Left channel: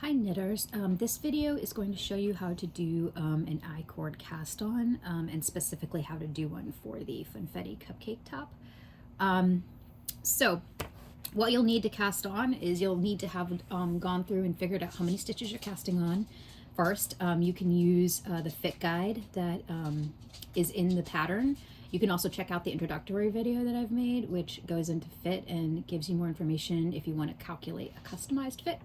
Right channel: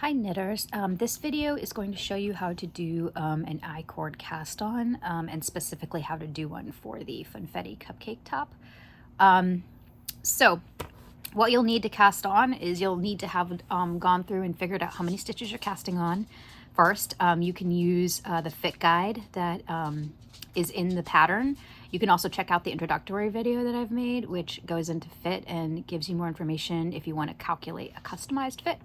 Hi knitters, this video is going to show you how to do an I-cord cast on and specifically how to do one for the Funfetti Cupcake top. So what you'll need to cast on is you'll need to have gone through and figured out how many stitches you're casting on first. You can use the fit guide that is in the pattern. You can also check out the introductory video that I've made, which goes into fit and gives you more information if you want to calculate a customized fit.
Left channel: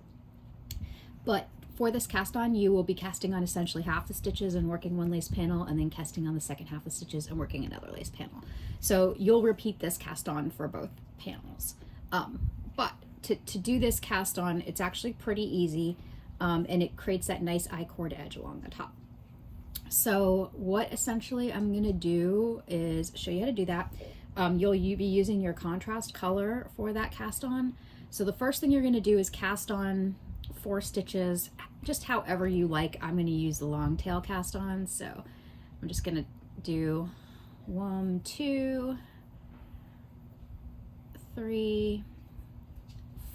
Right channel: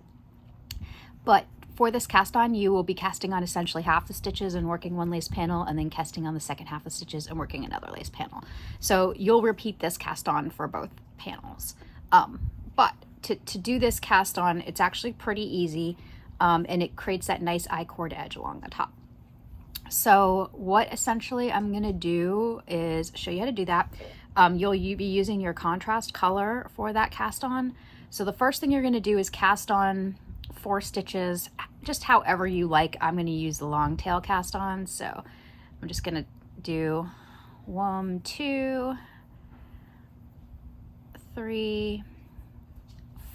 But for this cast on, you will be casting on essentially half the stitches and working one lace panel, and then casting on the second half of stitches and working another lace panel. So you'll repeat this cast on for both panels. But to do this cast on, it's actually pretty easy, and it creates that nice I-cord edge along the top. So what essentially I'm gonna do is show you how to do that. You'll be using your contrast color for that cast on. So the first thing you're gonna do is cast on 4 stitches, just however you like. I'm going to use the long tail cast on, so I'm just going to do 1, 2, 3,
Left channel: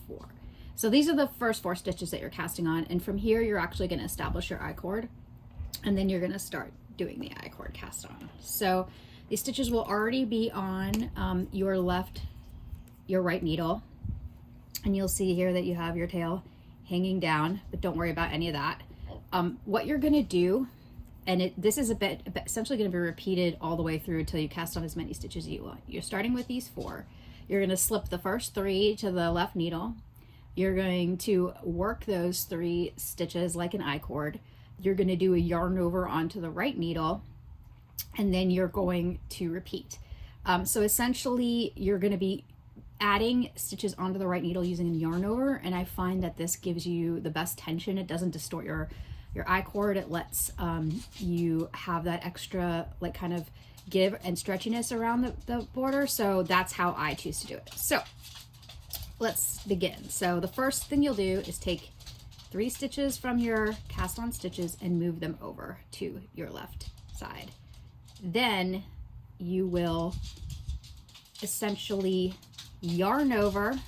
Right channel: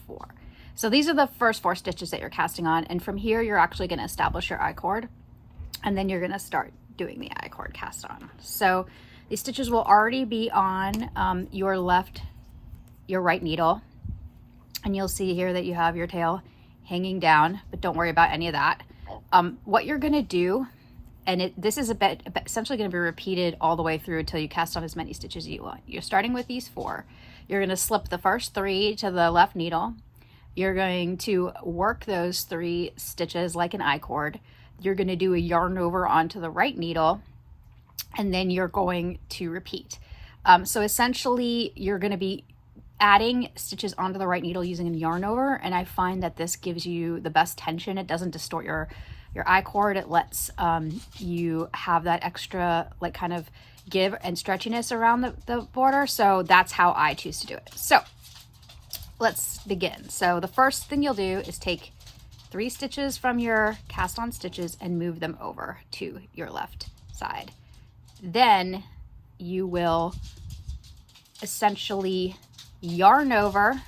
4. So these are the first 4 stitches that you're casting on, and from here you're actually going to establish your I-cord, and then you're going to start doing the I-cord cast on. So these stitches will already be on your right needle, and you'll see here that you have your tail hanging down, but don't worry about any of that. What you're gonna do, and this is essentially gonna be repeated all the way through until you cast on as many stitches as you want. You're starting with these 4. You're gonna slip the first 3 to the left needle. You're going to work those 3 stitches like an I-cord. You're gonna do a yarn over onto the right needle, and then you're going to repeat. So essentially, you're gonna be adding stitches onto the right needle using a yarn over, and I find that this gives you the best tension. It doesn't distort your I-cord. It lets you have that extra like kind of give and stretchiness around the border. So that's how I choose to do it. So let's begin. So the first thing you'll do is take 3 stitches from your cast on stitches and move them over to your left side. Then you will essentially yarn over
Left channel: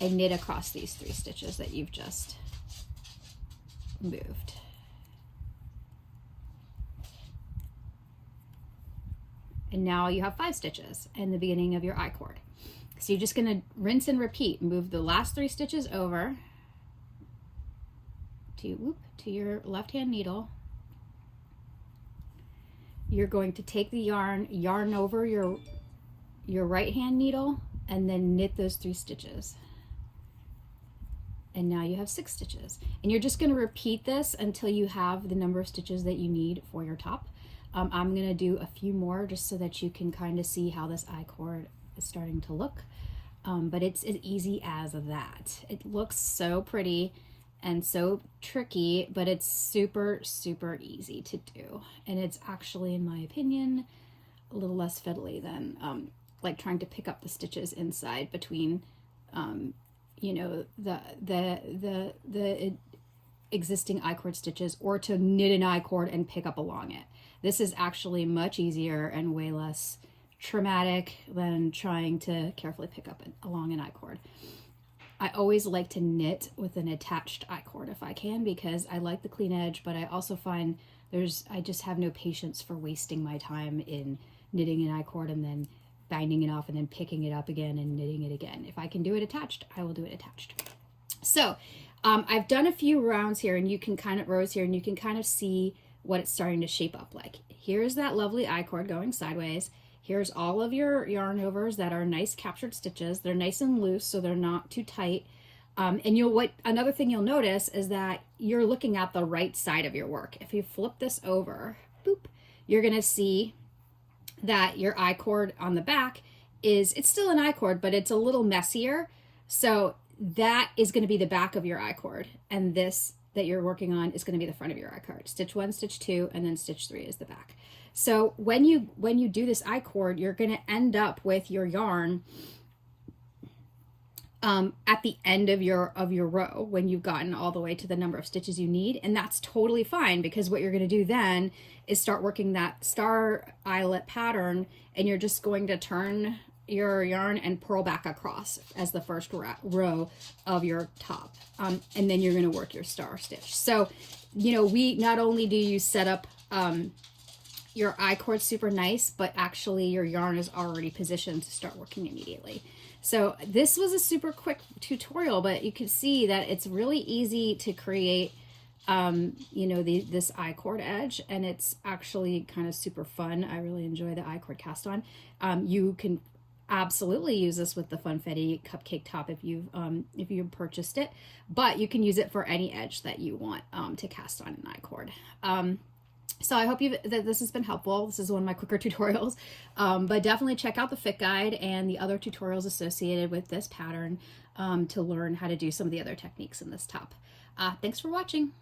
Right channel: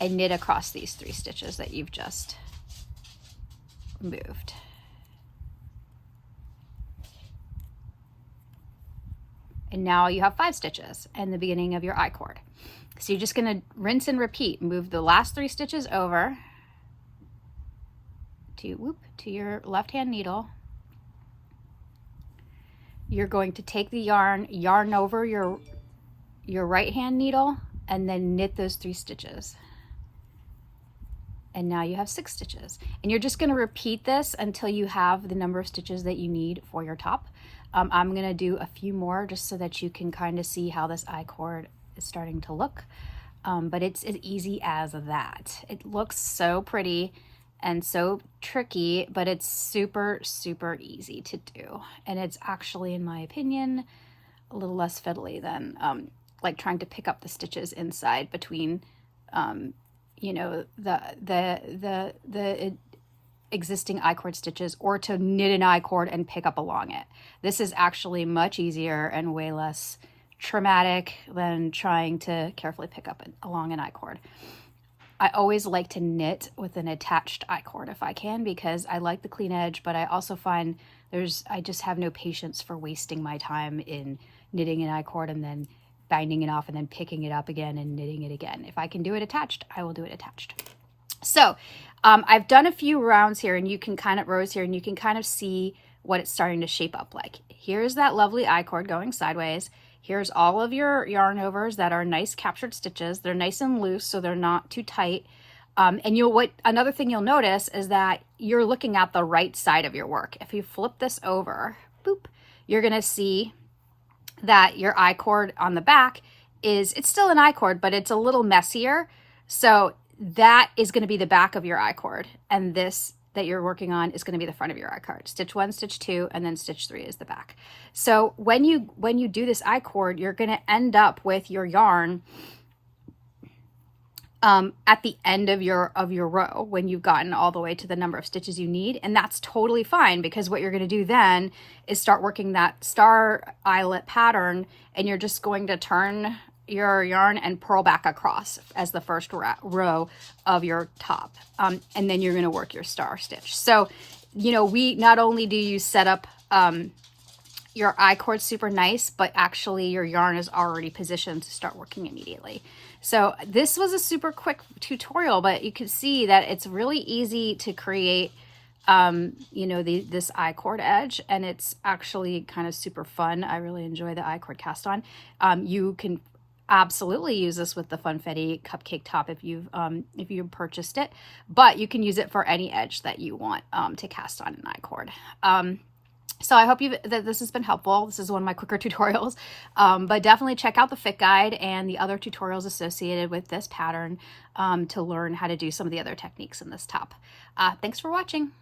and knit across these 3 stitches that you've just moved. And now you have 5 stitches in the beginning of your I-cord. So you're just going to rinse and repeat. Move the last 3 stitches over to your left hand needle. You're going to take the yarn over your right hand needle, and then knit those 3 stitches. And now you have 6 stitches. And you're just going to repeat this until you have the number of stitches that you need for your top. I'm going to do a few more just so that you can kind of see how this I-cord is starting to look. But it's as easy as that. It looks so pretty and so tricky, but it's super, super easy to do. And it's actually, in my opinion, a little less fiddly than like trying to pick up the stitches inside between, you know, the existing I-cord stitches, or to knit an I-cord and pick up along it. This is actually much easier and way less traumatic than trying to carefully pick up along an I-cord. I always like to knit with an attached I-cord if I can, because I like the clean edge, but I also find I just have no patience for wasting my time in knitting an I-cord and then binding it off and then picking it up again and knitting it again. If I can do it attached, I will do it attached. So I've done a few rounds here, and you can kind of see what it's starting to shape up like. Here's that lovely I-cord going sideways. Here's all of your yarn overs that are nice captured stitches. They're nice and loose, so they're not too tight. And another thing you'll notice is that you're looking at the right side of your work. If you flip this over, boop, you're gonna see that your I-cord on the back it's still an I-cord, but it's a little messier. So that is going to be the back of your I-cord, and this that you're working on is going to be the front of your I-cord. Stitch 1, stitch 2, and then stitch 3 is the back. So when you do this I-cord, you're going to end up with your yarn at the end of your row when you've gotten all the way to the number of stitches you need. And that's totally fine, because what you're going to do then is start working that star eyelet pattern, and you're just going to turn your yarn and purl back across as the first row of your top. And then you're going to work your star stitch. So, you know, we not only do you set up your I-cord super nice, but actually your yarn is already positioned to start working immediately. So this was a super quick tutorial, but you can see that it's really easy to create you know, this I-cord edge, and it's actually kind of super fun. I really enjoy the I-cord cast on. You can absolutely use this with the Funfetti Cupcake top if you've purchased it, but you can use it for any edge that you want to cast on an I-cord. So I hope that this has been helpful. This is one of my quicker tutorials, but definitely check out the fit guide and the other tutorials associated with this pattern to learn how to do some of the other techniques in this top. Thanks for watching.